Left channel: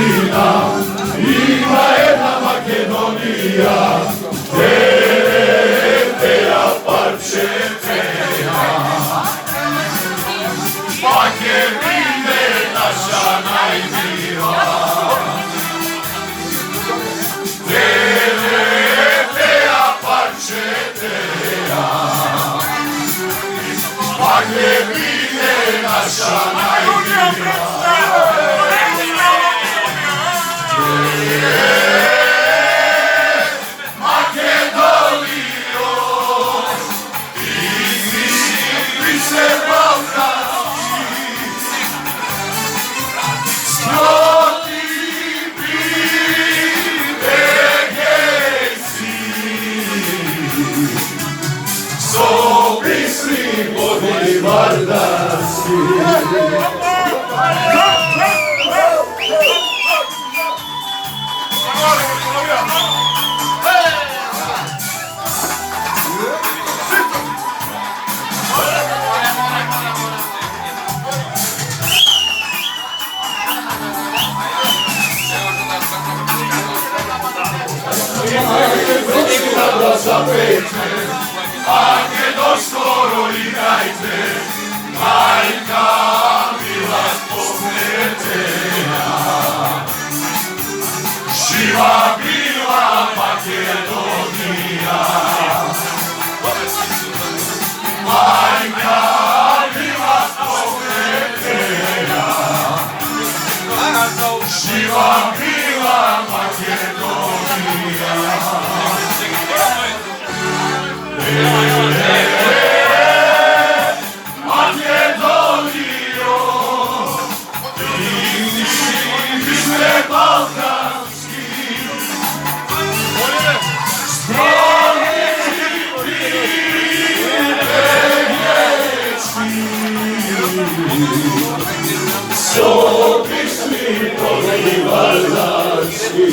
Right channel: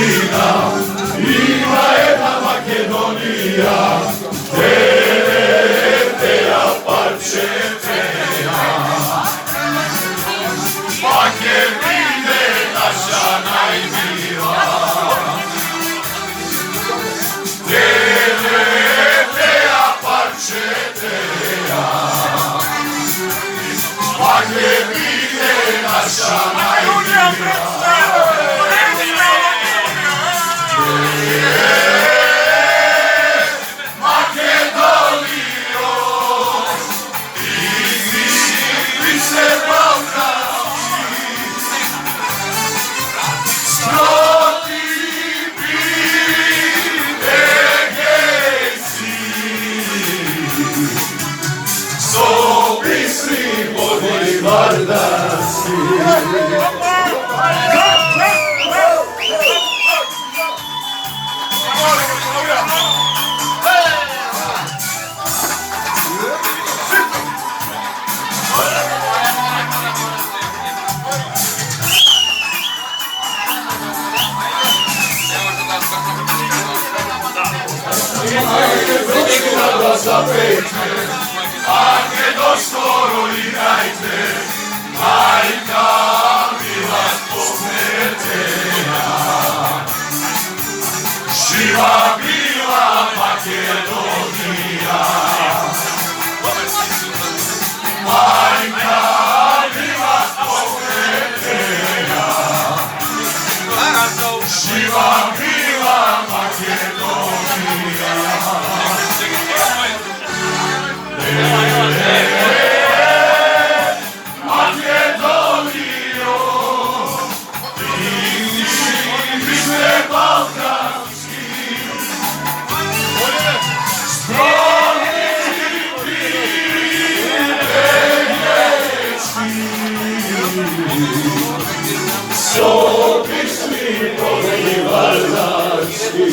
Ukrajina, ima jedna Makedonija, Teja parčeteja. Makedine naša najmila, Teja parčeteja. Makedine naša najmila, Makedonijo, ti se balkanski, skroti privilegijski, sopisni vodi vardarski. Zapečne, ako doskoro igrajte, majka bila pokretenja. Živa bila Makedonija, majka bila pokretenja. Živa bila Makedonija. Makedonijo, ti ste balkanski, skromni privilegijski, sopisni vodi vardarski.